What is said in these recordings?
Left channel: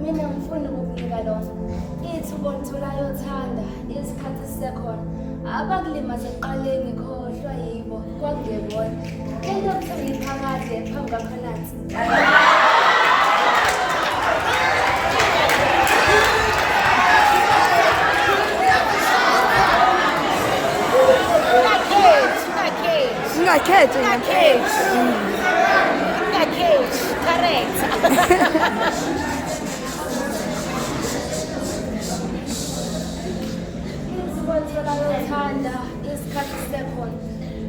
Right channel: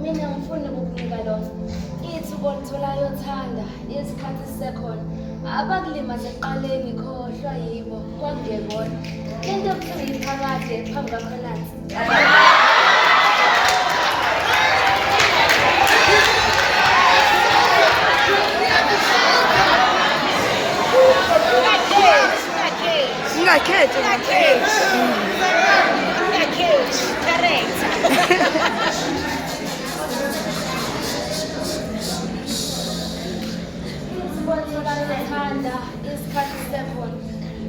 mina ngifuna ukukunika lona. Ithuba olitholayo uthanda, isikhathi sisekhona. Abakulimaze ekuqaleni khohlwa yibo, kwakungebona. Into yokuthenga iphakade phambi kwakho nansi. Ungakhethi ngempela. Ungakhethi, correct. Thanda isikhathi sisekhona.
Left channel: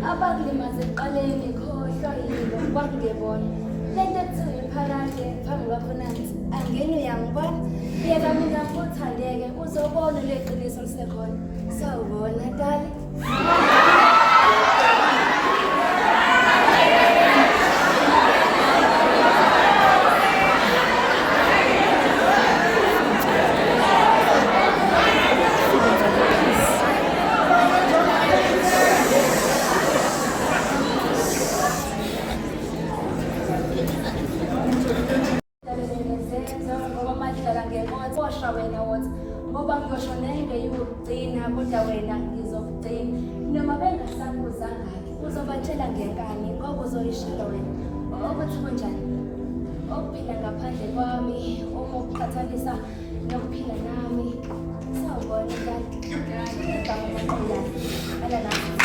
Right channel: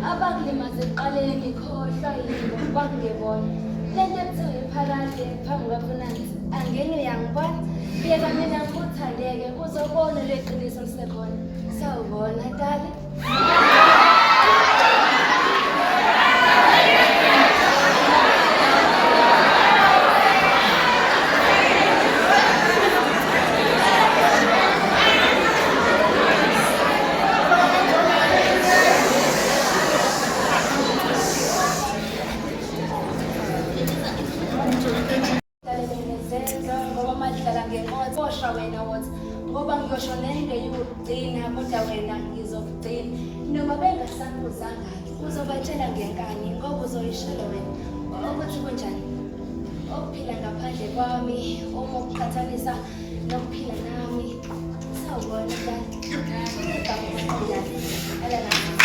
Abakulimaze ekuqaleni khohlwa yibo, kwakungebona. Lento ekuthenga iphakade phambi kwakho nansi. Angeke uyangibona. Yeka mina ngikuthandeke uzobona le qiniso lisekhona. Sawubona dali. Ngoba madlala ngenkotho wena wothi ngoba ngiyosho nengeyokugcina kodwa wena ngizokugcina noma bengasakuzangaki uzobatshela ngenkani ngoba uzoyishola wena ukuthi kunjani okuphila ngaphandle kwami uma ukuqhathanisa nokuphila nami sawubona dali igama maqondana ala nami